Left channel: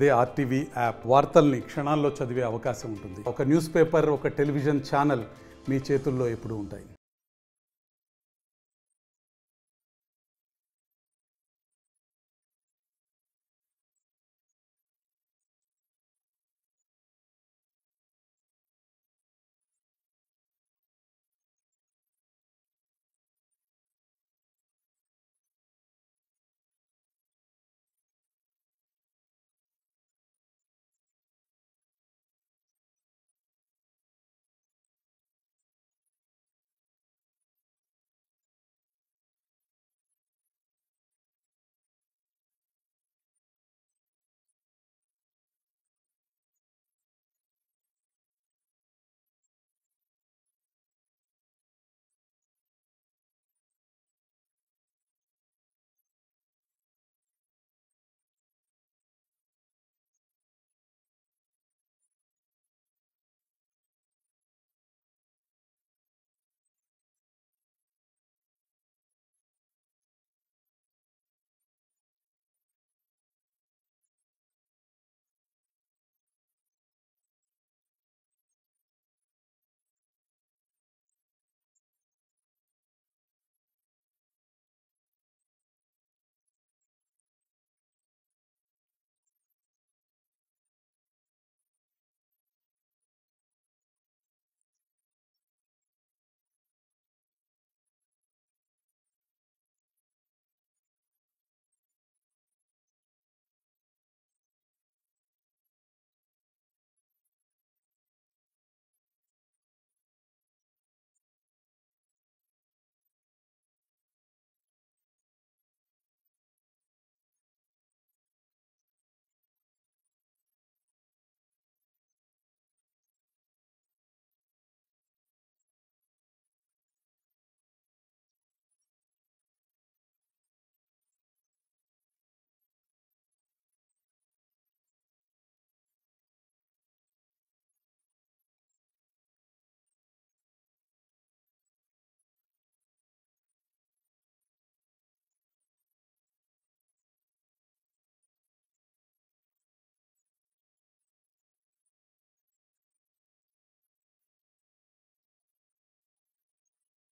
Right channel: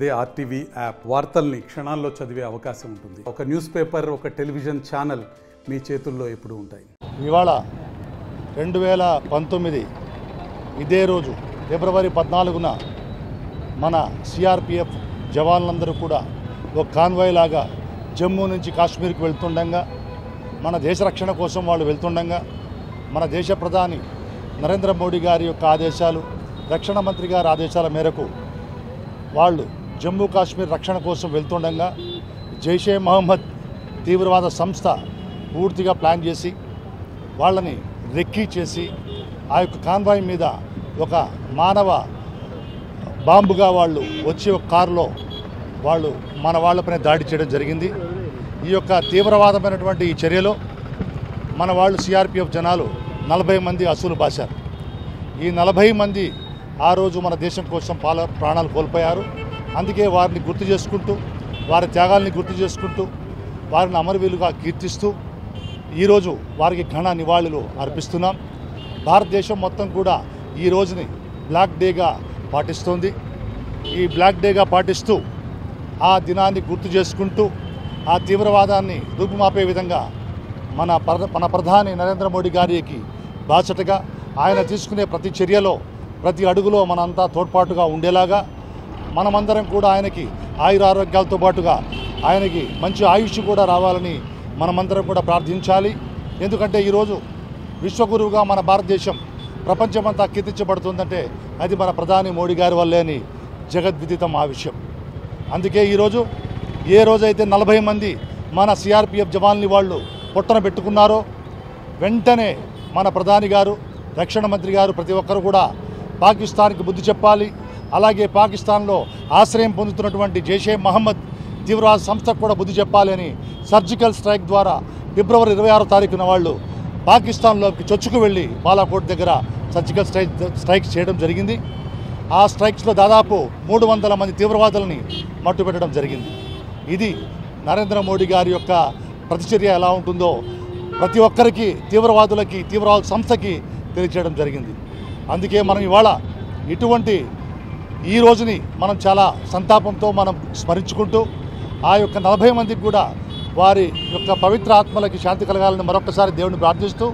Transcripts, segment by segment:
అదే RTV app వార్తల్ని క్షణాల్లో చదివే అవకాశం ఉంటుంది. ఒక న్యూస్ పేపర్, ఒక టెలివిజన్ ఛానల్ మీ చేతుల్లో ఎప్పుడూ ఉంటాయి. ఇవాళ 2019 ఇదే రోజు ఫిబ్రవరి 14న మన సిఆర్పిఎఫ్ జవాన్లందరూ కూడా ఒక కాన్వాయ్ లాగా జమ్మూ నుంచి కాశ్మీర్కి వెళ్తుండగా, మన దేశ రక్షణ కోసం వాళ్ళు వెళ్తుండగా, మన దేశ ప్రధాని నరేంద్ర మోడీ గారి యొక్క ఆదేశాలు, రక్షణ మంత్రి గారి ఆదేశాల మేరకు వాళ్ళు జమ్మూ కాశ్మీర్ రక్షణ కోసం వెళ్తుండగా జైషే మహమ్మద్ తీవ్రవాద సంస్థ పూర్తిగా ప్లాన్ చేసి వాళ్ళని రెక్కీ చేసి ఆ యొక్క కాన్వాయ్ మీద ఒక మానవ బాంబుగా వాళ్ళు వచ్చి ఒక కారులో వాళ్ళు మన వాళ్ళపైన దాడి చేయడం జరిగింది. ఈ యొక్క తీవ్రవాదమైనటువంటి ఈ చర్యలో మన వాళ్ళు సిఆర్పిఎఫ్ జనాలు 40 మంది అసూలు బాశారు. ఈ 40 మంది ఆ రోజు మన దేశం కోసం ప్రాణాలు కోల్పోయారు. అందుకే వారిని గుర్తు చేసుకుంటూ, వారి త్యాగాల్ని గుర్తు చేసుకుంటూ, వారిని అమరవీరులుగా కీర్తిస్తూ ఈరోజు వారికి ఘన నివాళులు అర్పిస్తున్నాం. భారతదేశం మొత్తం కూడా ఈ రోజుని బ్లాక్ డేగా పాటిస్తోంది. ఈ బ్లాక్ డేగా పాటిస్తూ ఆ దినాన్ని గుర్తు చేసుకుంటూ ఆ తీవ్రవాదాన్ని రూపుమాపే విధంగా మన ప్రధాని నరేంద్ర మోడీ గారికి బాసటగా ఆయన తీసుకునే ప్రతి చర్యలో, ప్రతి అడుగులో మనంతా తోడ్పాటుగా ఉండేలాగా మనమందరం కూడా ఆయనకి ఆయురారోగ్యాలతో పాటుగా ఆయనకి మంచి ఆయుష్ కూడా రావాలని మనమందరం కూడా ప్రార్థించాలి. ఎందుకంటే ఈరోజు విశ్వగురువుగా మన భారతదేశం ప్రపంచమంతా కీర్తించబడుతుందంటే అది మన ప్రధాని మోడీ గారి వల్లే అని జగద్విదితం ఆ విషయం. అందుకే ఈరోజు ఏ రోజైతే 40 మంది మన సిఆర్పిఎఫ్ జవాన్లు వాళ్ళు పొట్టన పెట్టుకున్నారో వెంటనే మన ప్రధాని గారు, రక్షణ మంత్రి గారు ప్రతి ఒక్కరు కూడా పాకిస్తాన్కి బుద్ధి చెప్పాలి. అలాగే పాకిస్తాన్లో ఆశ్రయం పొందుతున్నటువంటి జైషే మహమ్మద్ తీవ్రవాద సంస్థకు కూడా బుద్ధి చెప్పాలి అని సర్జికల్ స్ట్రైక్ ద్వారా ఫిబ్రవరి 26వ తారీఖున వాళ్ళు పాకిస్తాన్లోకి చొచ్చుకు వెళ్ళి బాలాకోట్ దగ్గర సర్జికల్ స్ట్రైక్స్ చేయడం జరిగింది. ఆ స్ట్రైక్స్లో దాదాపు 300 మంది తీవ్రవాదులని మట్టుపెట్టడం జరిగింది. ఇది నరేంద్ర మోడీ గారి యొక్క ప్రతిచర్య ఎలా ఉంటుందో ప్రతి ఒక్కరికి, తీవ్రవాదులకి, తీవ్రవాద సంస్థకి తెలియచేయడం జరిగింది. అందుకే మనం ఇవాళ ఇటువంటి ఈ రోజుని మనం చాలా సంతాపంతో మనం స్మరించుకుంటూ ఆ యొక్క 40 మందికి కూడా వారి యొక్క పవిత్ర ఆత్మలకి శాంతి కలగాలని మరొకసారి దేవుని ప్రార్థిస్తూ,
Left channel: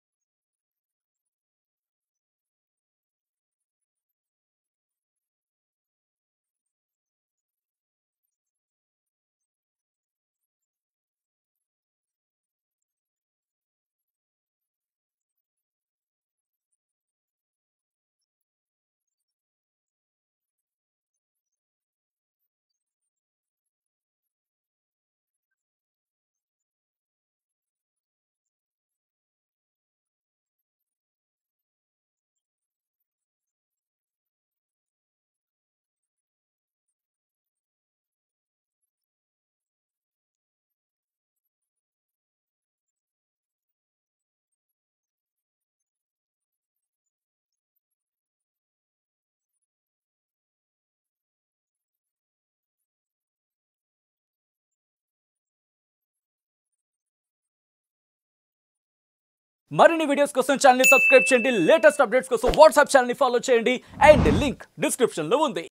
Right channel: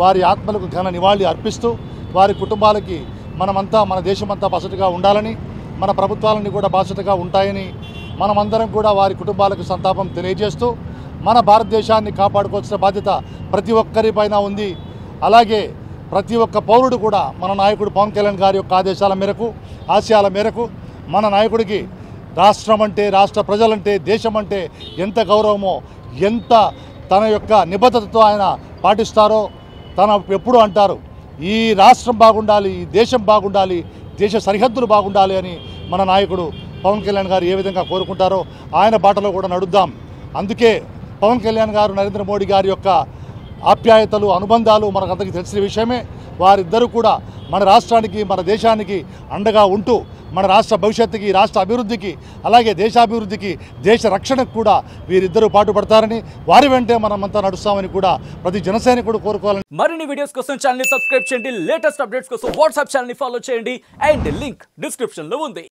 వారి ఆత్మలకు ఘన నివాళి అర్పిస్తూ, వారి కుటుంబాలకి మనమంతా, మన దేశమంతా బాసటగా ఉండాలని, మన ప్రభుత్వాలన్నీ కూడా బాసటగా ఉంటాయని మనమందరం కూడా వారి కుటుంబాలకు సంతాపం తెలియజేస్తూ, మన భారతదేశాన్ని కాపాడుకోవాల్సిన బాధ్యత ప్రతి ఒక్కరిపైన ఉంది. అలాగే ప్రతి ఒక్క పౌరుడు కూడా మన నాయకుడు పవన్ కళ్యాణ్ గారి యొక్క ఆదేశాల మేరకు, ఆశయాల మేరకు మన నాయకుడికి రాష్ట్రం అంటే, రాష్ట్ర ప్రజలంటే, దేశం అంటే ఎంత గౌరవమో, ఎంత తన యొక్క నిబద్ధతతో ఆయన పాటిస్తారో తన ఎప్పుడు అంటారు, ఈ రాష్ట్రం బాగుండాలి, ఈ దేశం బాగుండాలి, దేశ సరిహద్దులు బాగుండాలి అని మన నాయకుడు పవన్ కళ్యాణ్ గారు ఏ విధంగా కోరుకుంటారో ఆయన బాటలో కూడా నడుద్దాం. అందుకే పవన్ కళ్యాణ్ గారు, నరేంద్ర మోడీ గారి యొక్క ఆప్యాయతలు, అనుబంధాలు మనకందరికీ తెలిసిన విషయమే. వారిద్దరూ కూడా మన రాష్ట్రానికి, మన దేశానికి అండగా ఉంటూ మన రాష్ట్ర భవిష్యత్తుకి, రాష్ట్ర అభివృద్ధికి, అలాగే దేశాభివృద్ధికి, దేశ రక్షణకు కూడా వీరిద్దరూ పాటుపడతారని, వారి వెంటే మనమంతా నడుస్తామని కూడా ప్రతి జనసైనికుడు కోరుకోవాలని. మరిన్ని వీడియోస్ కోసం ఛానల్ ని సబ్స్క్రైబ్ చేయండి. లేటెస్ట్ అప్డేట్స్ కోసం వాట్సాప్ ఛానల్ ని ఫాలో చేయండి. అండ్ లింక్ డిస్క్రిప్షన్ లో ఉంది.